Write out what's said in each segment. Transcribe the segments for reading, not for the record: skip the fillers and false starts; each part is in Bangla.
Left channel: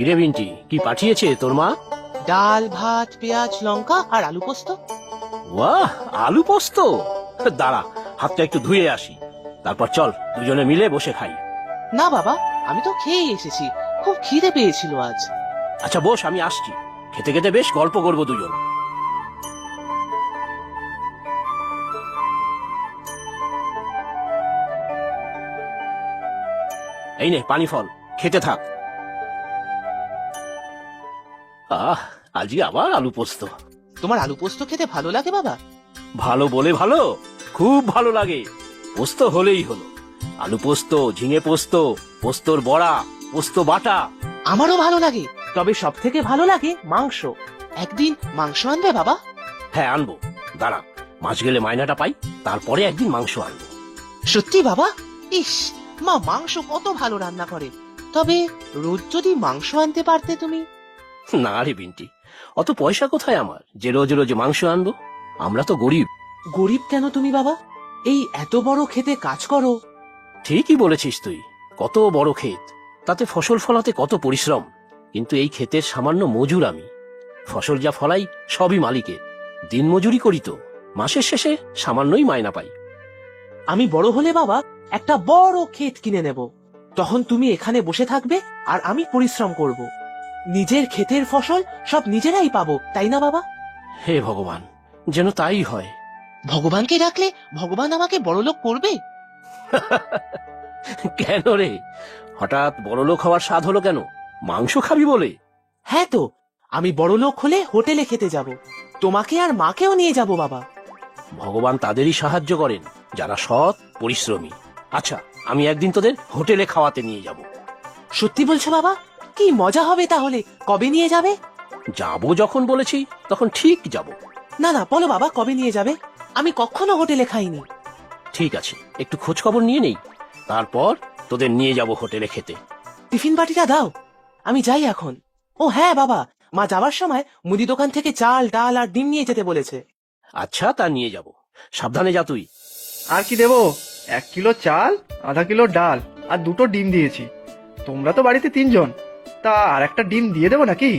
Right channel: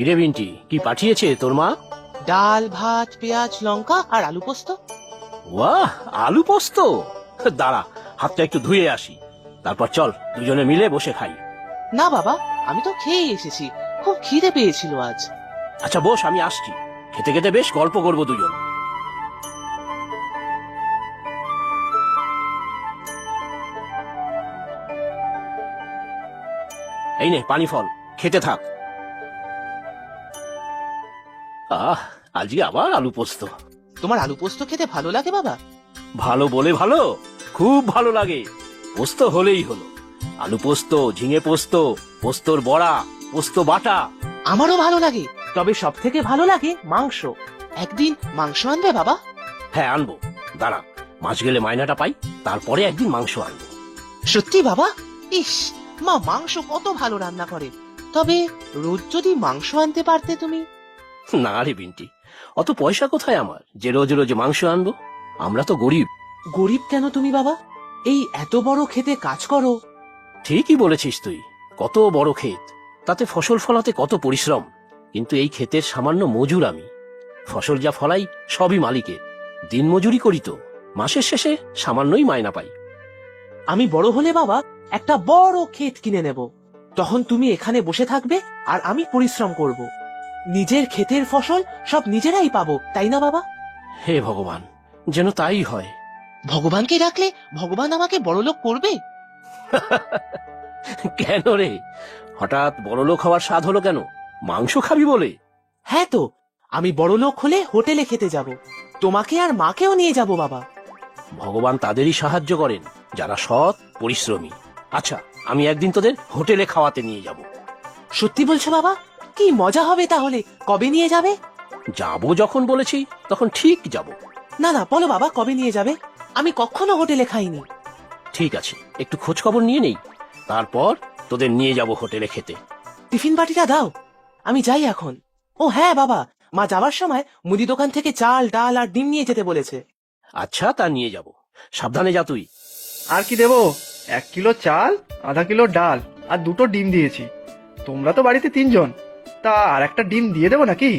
বিন্টি, কি পাঠিয়েছে তোর মা? ডাল, ভাত, পেঁয়াজ, লঙ্কা আর আলু পোস্ত। ও, আলু পোস্ত? দাঁড়া, হাতটা একটু ধুয়ে আসি, তারপর চল দুজনে মিলে বসে খাই। না বাবা, আমি তো খেয়ে এসেছি, খুব খিদে পেয়েছিল আজ। আচ্ছা বস, আমি আসছি। খেতে খেতে বেশ গল্প করবো দুজন। এই নে পানি ফল, খেতে থাক। আজকে আবার আলু পোস্ত। তোমার আলু পোস্ত খেতে ভালো লাগে বাবা? ভালো বলে ভালো, খুব ভালো লাগে। পোস্ত হলেই হলো। আলু পোস্ত, ঝিঙে পোস্ত, পোস্তর বড়া, পোস্ত বাটা। আমারও ভালো লাগে, তবে সব থেকে ভালো লাগে মাংস। একদিন মাংস আনবে বাবা? হ্যাঁ আনবো, দাঁড়া, মাছ গেলে মাইনাটা পাই, তারপরে একদিন মাংস আনবো। সত্যি বাবা? ইস, মা মাংস কত ভালো রান্না করে। তবে রোজ যদি মাংস আনতে পারতে তুমি। না রে বিন্টি, অত পয়সা কোথায় আমার যে রোজ রোজ মাংস আনবো? আমরা তো গরিব। গরিব কেন তুমি বাবা? এই এত বড় খেতে কাজ করো। ঠিকই বলেছিস তুই, কত বড় ক্ষেত, তাতে ফসল ফলাতে কত পরিশ্রম। কিন্তু এই ক্ষেতের সামান্য মজুর আমি। ফসল যা ফলাই সবই মালিকে। দিন মজুরি করি তো, মাসের শেষে সামান্যই মায়না পাই। আমি বড় হলে বাবা একটা বড় ক্ষেত কিনে নেব। তখন তুমি এখানে বসে থাকবে আর আমি পরিশ্রম করব। নিজের ক্ষেতের ফসল সব নিজেরাই পাবো, তাই না বাবা? হে ভগবান, যেন তাই হয়। ভগবানকে ডাকলে ভগবান আমাকে বড়লোক করবে? কেন রে, হঠাৎ বড়লোক হওয়ার স্বাদ হলো কেন? মাংস খাবি বলে? হ্যাঁ তো, আমি বড়লোক হলে হোটেলে খেতে যাব, তোমাকে আর মাকেও নিয়ে যাব বাবা। ভগবান তাদেরই সাহায্য করেন যারা সৎ, পরিশ্রমী। আচ্ছা, আমি একদিন তোদের হোটেলে খাওয়াতে নিয়ে যাব। সত্যি বলছো বাবা? কি মজা হবে তাহলে, কবে নিয়ে যাবে? যাবো যখন বলেছি তখন ঠিক যাব। না না, বলো বাবা কবে নিয়ে যাবে? আমি কখনো হোটেলে খাইনি। ঠিক আছে, একটু খোঁজ খবর নিয়ে নেই, তারপর তোদের নিয়ে যাব হোটেলে খেতে। টিফিন বাটিটা দাও, আমি যাই এখন। ও হ্যাঁ বাবা, মা যাওয়ার সময় মুদি দোকান থেকে চাল, ডাল আর ডিম নিয়ে যেতে বলেছে। আচ্ছা, তা নিয়ে যাব। সাবধানে যা তুই। আর কি দেবো? 1 কিলো চাল, আধা কিলো ডাল আর 2টো ডিম দিয়েছি। তোমরা তো বাড়িতে 3 জন, তা আর একটা ডিম দিয়ে দেবো নাকি?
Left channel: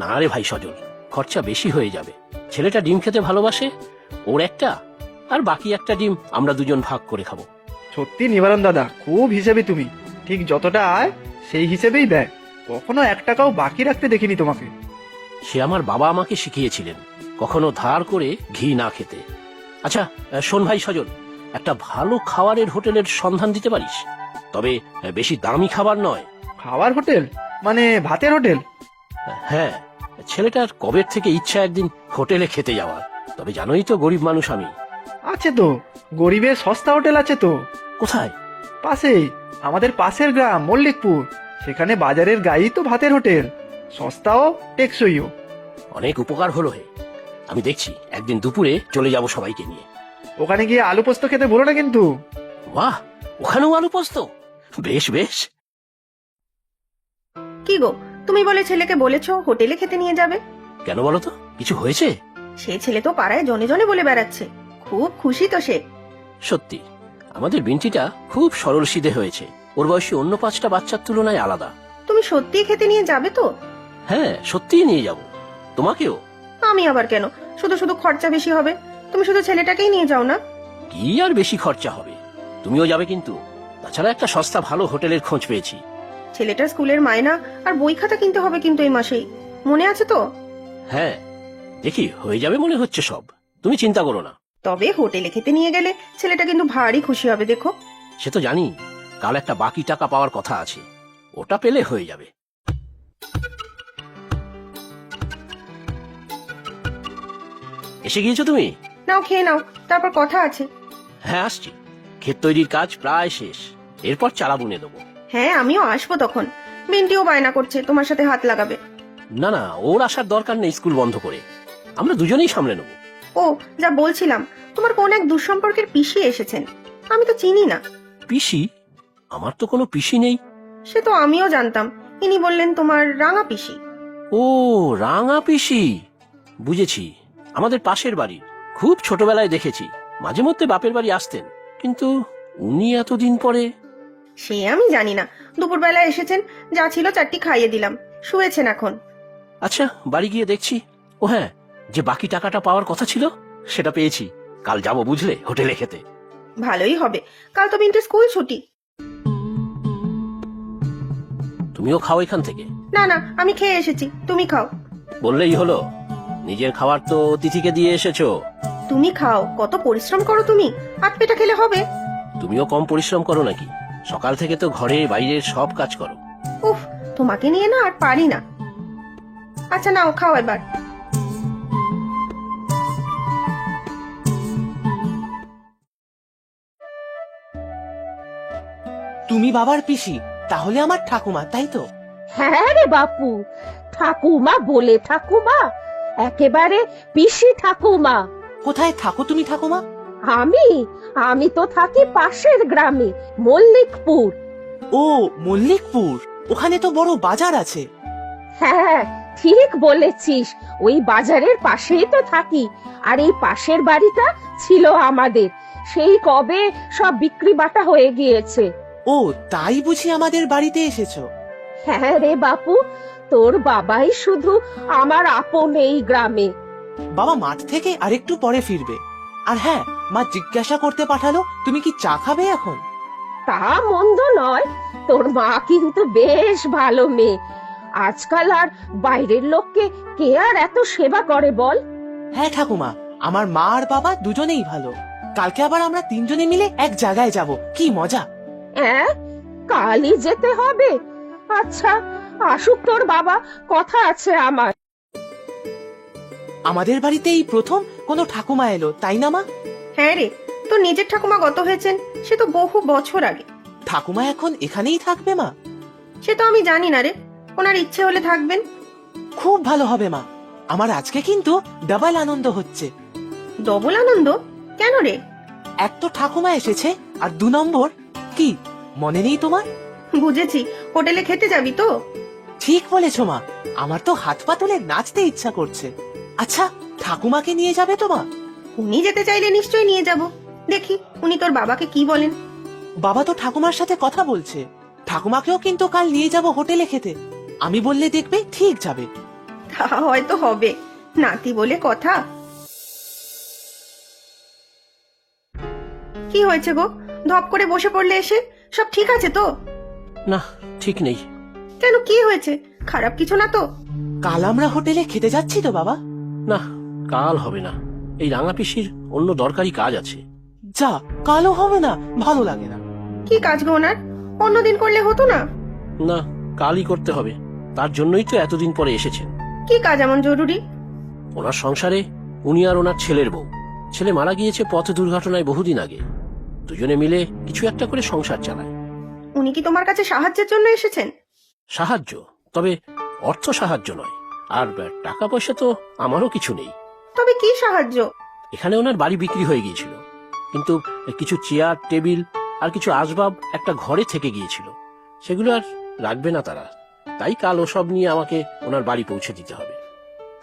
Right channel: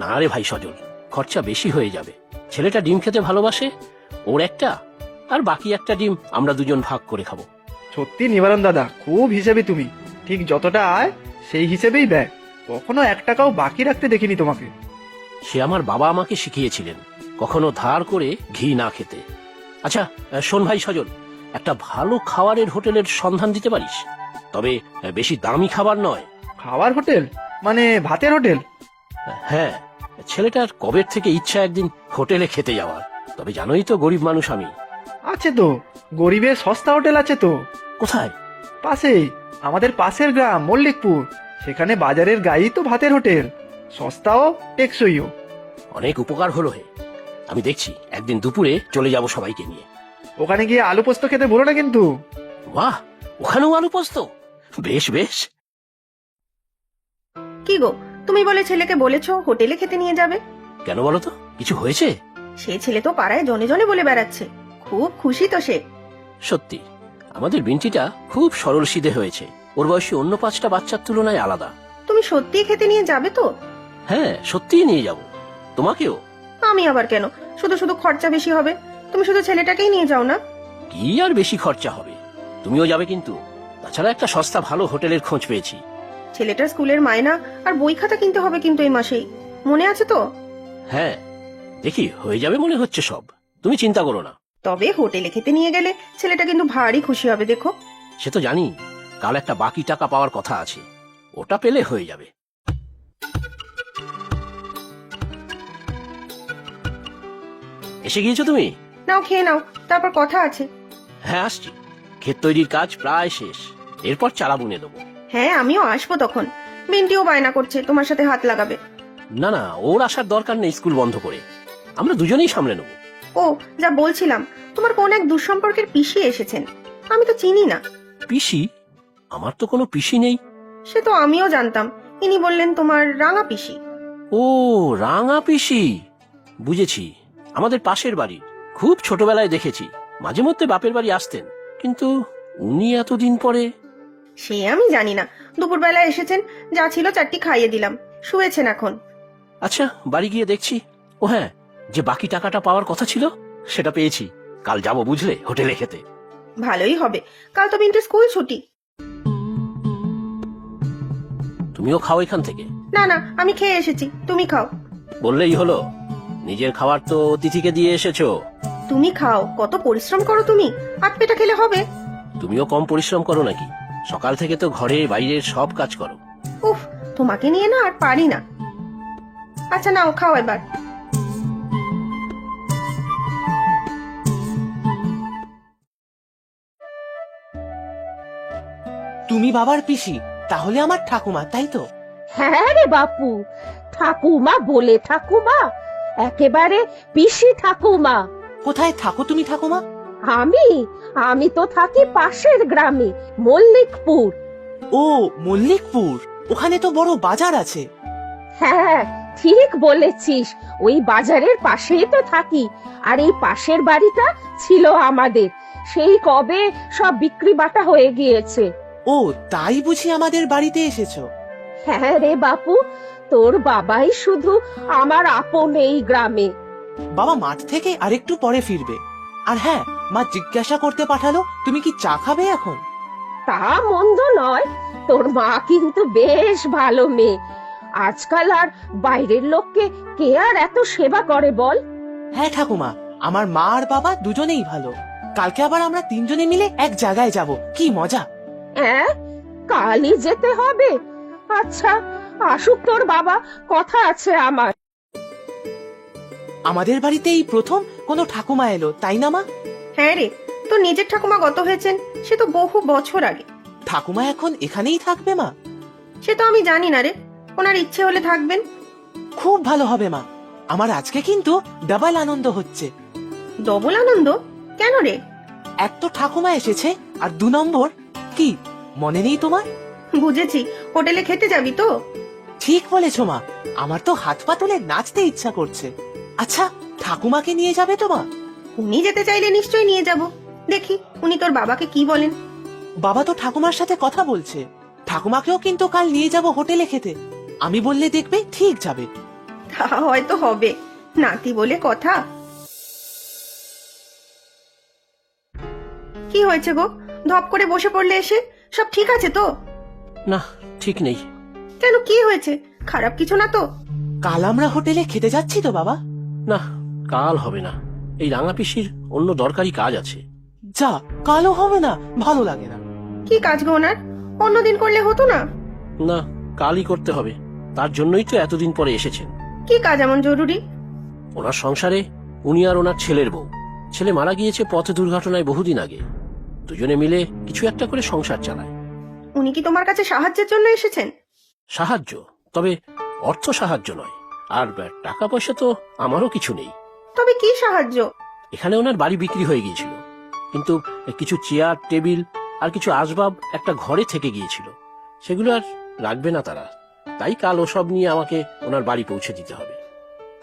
না রে ভাই স্বাধীন, খরচা বেশি হয়ে যাবে। ছেলেটা ডিম খেতে ভালোবাসে, ওর একটা আর বাকি একটা ডিম আমরা দুজন ভাগ করে খাবো। সত্যি নিবারণ দাদা, খুব হিসেবে তুমি। ঠিক যতটা আয় সেই হিসেবেই দেয়, কখনো 1 টাকাও বাকি রাখতে দেখিনি তোমাকে। সে আমার বাবা আমাকে শিখিয়েছিলেন, কখনো ধার করে ঘি না খেতে। আচ্ছা শোন ভাই সজল, একটা ভালো খাবারের হোটেলের সন্ধান দিতে পারিস? তবে বেশি দামি খাবার নয়। খাবার হোটেল মানে ভাতের হোটেল? হ্যাঁ, ছেলেটার কবের থেকে ইচ্ছা একদিন হোটেলে খেতে যাওয়ার। তবে জানোই তো গরিব মানুষ আমি। আছে তো, গরিবের সস্তা হোটেল আছে তো। কোথায়? পাশেই, আমাদের পাশের গ্রাম মল্লিকপুর। সেখানে বাজারের গায়েই তো ভাতের হোটেল, সস্তাও টেকসইও। অনেক উপকার হলো হে। আমি দেখছি একদিন দুপুরে চলে যাব সবাইকে নিয়ে। ওখানে গিয়ে আলু পোস্ত খেতে ভুলো না কিন্তু। বাহ, ওখানেও আলু পোস্ত? বেশ বেশ। কি গো, তুমি বলে ছেলেকে বলেছো হোটেলে খেতে নিয়ে যাবে? কেন বলো তো, কিছু হয়েছে? সে ছেলে তো পাড়ায় জনে জনে বলে বেড়াচ্ছে, খুব খুশি তো সে। সত্যি, আমাদের বিন্তিটা খুব সরল সিধে হয়েছে। ওর বয়সী অন্য 5টা বাচ্চার তুলনায় আলাদা। তুমি সত্যিই খেতে নিয়ে যাবে তো? হ্যাঁ, সত্যিই নিয়ে যাব। তোমাকেও। আমি আবার কেন? শুধু শুধু খরচা বেশি হবে, তুমি শুধু ছেলেটাকেই নিয়ে যাও না। কি আর বেশি খরচা হবে, তুমিও যাবে কিন্তু। তাছাড়া একটা সস্তা ভালো হোটেলের খোঁজ পেয়েছি। ছেলেটার স্কুলের মায়না আর বই খাতা কিনতে হবে কিন্তু এই মাসেই, মনে আছে তো? হ্যাঁ, দেখি হয়ে যাবে মনে হচ্ছে সব, তুমি চিন্তা করো না। তবে হোটেলে খেতে নিয়ে গেলে ছেলেটা কিন্তু ভারী খুশি হবে, দেখো। সে তো জানি, কাল একটা বাকি টাকা পাওয়ার কথা আছে, ওটা পেলে হয়ে যাবে। এসে গিয়েছো তুমি? নাও খেয়ে নাও, তারপর কথা আছে। হ্যাঁ আসছি, ক্ষেত তৈরির কাজ প্রায় শেষ, এরপর চারা বুনে দেবো। হ্যাঁ, আমিও আসবো তখন। মিন্টিও বায়না করছে তোমার সাথে হাত লাগাবে। না না, ওর আসার দরকার নেই, স্কুল বন্ধ করে আমরা দুজনেই সামলে নেবো। ও, যা বলছিলাম, তোমার কোন এক দুঃসম্পর্কের পিসি এসেছেন, আমি তো চিনি না। পিসি? আমার তো কোনো পিসি নেই। সে তো আমিও জানতাম, ইনি বললেন তোমার রাঙা পিসি। ও, রাঙা পিসি, বুঝেছি। আমাদের পাশের বাড়ি, খুব ছোটবেলায় দেখেছি, মাঝে মধ্যে বাপের বাড়ি আসতেন, কিন্তু উনি এতদিন পরে। সে আমি জানি না, দুপুরবেলা এসেছেন, যা ছিল 4টি খাইয়ে দিলাম। শুয়েছেন এখন। আচ্ছা, বাড়ি গিয়ে দেখছি। ও হ্যাঁ, যে বাকি টাকাটা পাওয়ার কথা ছিল সেটা পেয়েছি। কাল যাবো বুঝলে হোটেলে খেতে। ভালোই হবে, কাল তো বিন্টি স্কুল ছুটি। তুমিও খাও এখান থেকে। না না, আমি খেয়ে এসেছি, তুমি খাও। বললেই হলো, নিজের খাবার তো অতিথিকে দিয়ে এসেছো। তুমি খাও, কত পরিশ্রম করো তুমি, হাত পেটা খেলে হবে। তুমিও কম পরিশ্রম করো নাকি? সকাল থেকে তো ঘরে বাইরে সব কাজ করো। উফ, তোমাকে নিয়ে না আর পারি না। আচ্ছা নাও, খাও এবার। তুমি বাবার পিসি, তাহলে আমার ঠাকুমা, তাই তো? হ্যাঁ রে বাপু, ঠাকুমা বলে ঠাকুমা, একেবারে পিসি ঠাকুমা। কোথায় থাকো তুমি ঠাকুমা? আমি আমি তো থাকি পাশের গ্রামে, মল্লিকপুর। ও, মল্লিকপুর। ওখানে তো বড় বাজার আছে। হ্যাঁ, ঠিক বলেছিস, ওই বাজারের পাশেই তো থাকি। আর এই পাশের বাড়িটা ছিল আমাদের, সেই কবে সব বিক্রি বাটা হয়ে গিয়েছে। ও, তাই বুঝি আমাদের বাড়িতে এসেছো? হ্যাঁ রে বাপু, তোর বাবাই শুধু আমার আপন এই গ্রামে। বাবা মাঠ থেকে আরেকটু পরে ফিরবে। আর হ্যাঁ, মা জিজ্ঞাসা করতে পাঠালো তুমি কি চা খাবে এখন? তা মন্দ নয়, তোর মা কিন্তু বেশ ভালো মেয়ে। আজকাল আর বাইরের লোককে কে আর এত সেবা করে বল? হ্যাঁ ঠাকুমা, আমার মা আর বাবা দুজনেই ভালো। কালকে আবার আমরা তিনজনে মিলে এক জায়গায় যাব, কি মজা। হ্যাঁ, কালই যেতে হবে। আচ্ছা, আসুক তোর বাবা, কথা আছে আমার। আমাদের বাড়িতে এই প্রথম কোনো ঠাকুমা এলো, তাই না মা? হ্যাঁ রে, তো নিজের ঠাকুমা গত হয়েছেন সে তো বহু বছর আগে। ঠাকুমা এখন এখানেই থাকবে মা? সে তো আমি জানি না রে, ওনার ইচ্ছে হলে থাকবেন। খুব ভালো হবে মা, আমার আজকে কিন্তু ডাবল আনন্দ হচ্ছে। ডবল আনন্দ? কেন রে? এক তো ঠাকুমা এসেছে, আর 2 নম্বর কি মনে নেই তোমার? বুঝেছি, হোটেলে খেতে যাবি তো? ঠিক বলেছো মা, আমার তো হাত পা তুলে নাচতে ইচ্ছা করছে। আচ্ছা, ঠাকুমাকে নিয়ে যাবে তো মা? উনি যেতে চাইলে নিশ্চয়ই নিয়ে যাব। দেখি উনি তোর বাবাকে কি বলেন। বাবা তো ঠাকুমার সাথে কথা বলছে। ঠাকুমাকেও কিন্তু কাল নিয়ে যাব হোটেলে খেতে। আমি বললে দেখবে ঠিক যাবে। তা হয়তো হবে, নাতি বলে কথা। কি হয়েছে গো, ধপ করে বসে পড়লে এসে? সব ঠিক আছে তো? না, ঠিক নেই। কেন, কি হয়েছে? খারাপ কিছু না তো? কাল আমরা হোটেলে খেতে যাচ্ছি তো বাবা? না, কাল হবে না। এই রাঙা পিসি অন্য দরকারি কাজ আছে। যা, কালও হবে না, ভালো লাগে না। কি কাজ গো ওনার? অন্যদিন করলে হতো না? না, কালই করতে হবে। তার জন্যই তো এতদিন পরে এসেছেন। কি কাজ এমন জরুরি? ওনার সংসারে উনি আর ওনার ছেলের বউ। ছেলে মারা গিয়েছে পথ দুর্ঘটনায় বহুদিন আগে। দুজনে মিলে কিছু একটা করে সংসার চালায়। উনি কি তোমার কাছে সাহায্যের জন্য এসেছেন? সাহায্য, তবে অর্থ সাহায্য নয়। আর টাকা পয়সা তো আমারও কিছু নেই। তবে কি সাহায্য? এখানে ওনার বাড়ি বিক্রি হয়ে গিয়েছিল, কিন্তু কিছু চেয়ার টেবিল আর কিছু আসবাব একটা ঘরে থেকে গিয়েছিল, সেগুলো আর রাখবে না তারা। তাই কাল ওসব নিয়ে আমাকে ওনার বাড়ি পৌঁছে দিতে হবে।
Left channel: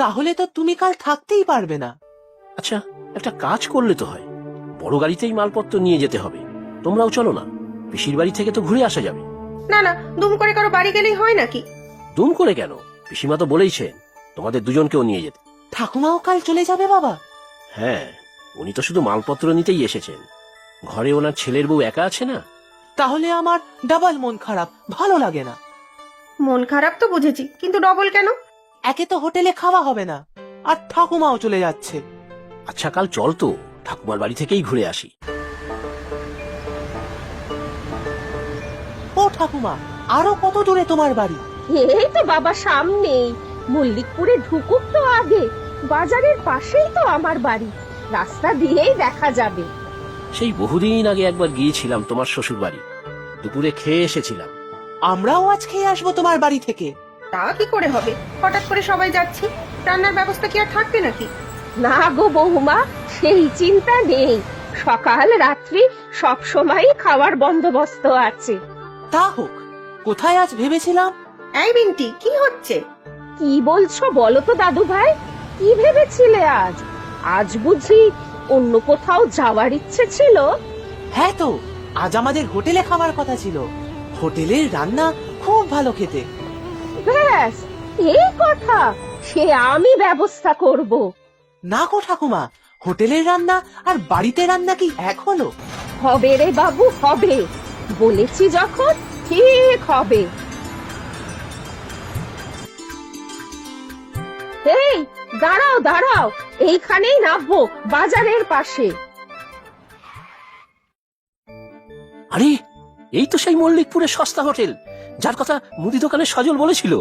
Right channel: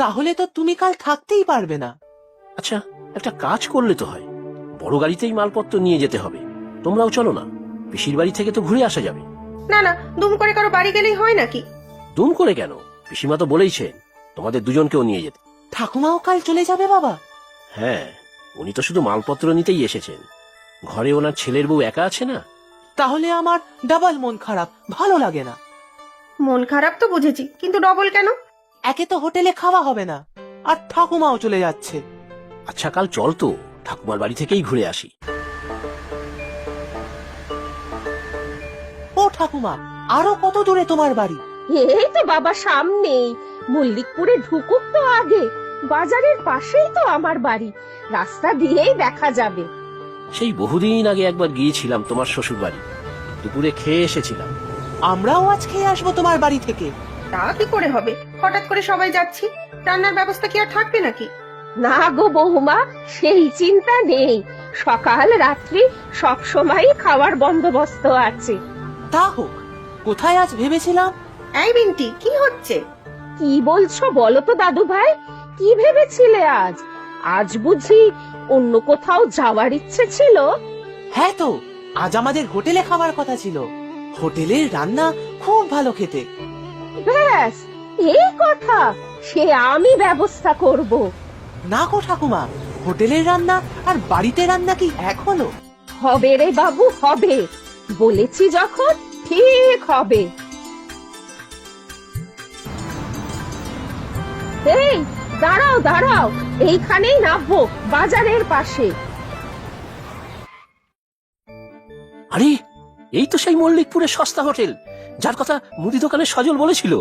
তাহলে তো তুমি কাল থাকতেই পারবে না। আচ্ছা, একটা কাজ করলে তো হয়। বড় গাড়িতেই মালপত্র নিয়ে যেতে হবে। তোমরাও চলো না, পিসির বাড়ি থেকে তো ঘুরে আসা যাবে। না না, দুম করে কারো বাড়ি গেলেই হয় নাকি? দুম করে কেন? পিসিমা তো বলেইছেন তোমাদের দুজনকেও নিয়ে যেতে। ঠাকুমাও কাল চলে যাবে বাবা? হ্যাঁ, উনি তো শুধু মালপত্র নিতেই এসেছেন। ঘরে ওনার ছেলের বউ একা আছে না। তাহলে আমার ডাবল মন খারাপ, ভালো লাগে না। মন খারাপ তো বুঝেছি, কিন্তু ডবল কেন? একে তো হোটেলে খাওয়া হবে না, আর ঠাকুমাও চলে যাচ্ছে। আচ্ছা, কাল চল তো ঠাকুমার বাড়ি থেকেই ঘুরে আসি। ও ঠাকুমা, আরো কত দূরে তোমার বাড়ি? এই তো বাবা সামনেই, মল্লিকপুরে ঢুকুক না আগে, বাজারের পাশেই তো আমার বাড়ি, রাস্তা দিয়েই দেখা যাবে। সেই বহুদিন আগে একবার গিয়েছিলাম তোমার শ্বশুর বাড়ি, দুপুরে খেয়ে এসেছিলাম। আমরাও আজকে আসবো তোমার বাড়ি থেকে। তা কি করে হবে, হঠাৎ করে সবাই যাচ্ছি, রান্নার ব্যবস্থা কি আর থাকবে নাকি? না গো বৌমা, সেই চিন্তা নেই, সকাল রাত্রি সব সময় খাওয়ার বন্দোবস্ত আছে। তা হোক, কোথায় আজ ভেবেছিলাম। এই বিন্টি, কি হচ্ছে? কি বলছো বলো তো দাদু ভাই, কি ভেবেছিলে আজ? আজ বুঝি অন্য কোথাও যাওয়ার ইচ্ছা ছিল? হ্যাঁ তো, আজ আমাদের হোটেলে খাওয়ার কথা ছিল। হোটেলের রান্না খুব ভালো খেতে। ব্যাস এই কথা, সে আমি ব্যবস্থা করব। না গো ঠাকুমা, হোটেলের রান্না আর বাড়িতে রান্না কি এক হলো? হবে রে বাবু, হবে, বলেছি যখন ঠিক হবে। এই দাঁড়াও দাঁড়াও, এইখানেই নামবো, বাজারের পাশে। আরে এই তো সেই মল্লিকপুরের সস্তা হোটেল যার কথা মুদি দোকানে সজল বলেছিল।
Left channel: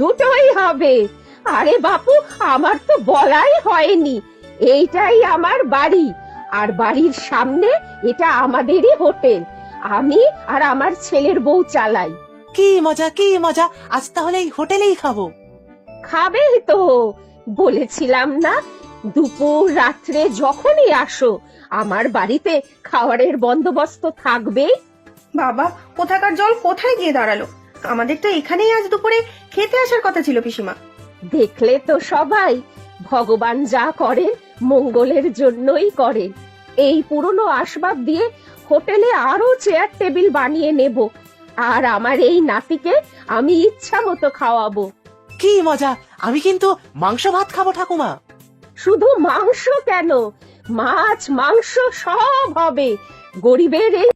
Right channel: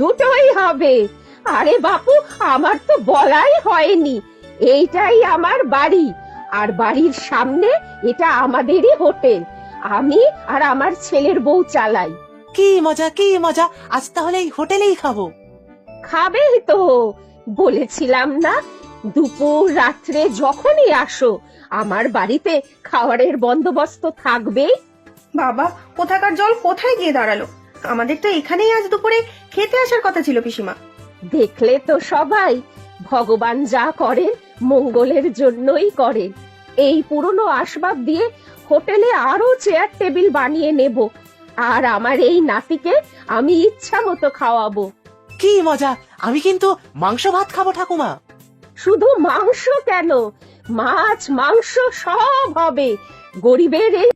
দুটোই হবে। আরে বাপু, আমার তো বলাই হয়নি, এইটাই আমার বাড়ি, আর বাড়ির সামনে এটা আমাদেরই হোটেল। আমি আর আমার ছেলের বউ চালাই। কি মজা, কি মজা! আজ তাহলে এই হোটেলেই খাবো। খাবে তো, বলেছিলাম না, দুপুর রাত্রে যখনই আসো আমার বাড়িতে খাবারের বন্দোবস্ত থাকবেই। বাবা, কোথাকার জল কোথায় গিয়ে দাঁড়ালো? আমাদের তো এখানেই আজ দুপুরে খেতে আসার কথা ছিল পিসিমা। দেখলে তো সবাই, ভগবান যা করেন মঙ্গলের জন্যই করেন। এই পুরনো আসবাব দিয়ে হোটেলে আরো চেয়ার টেবিল বানিয়ে নেব, আর আমার এই নাতিকে আমি ইচ্ছা মতো খাওয়াবো। কি মজা! আমি কিন্তু মাংস ভাত খাবো ঠাকুমা। শুধু মাংস কেন, মাছ মাংস সব হবে। গরিবের এই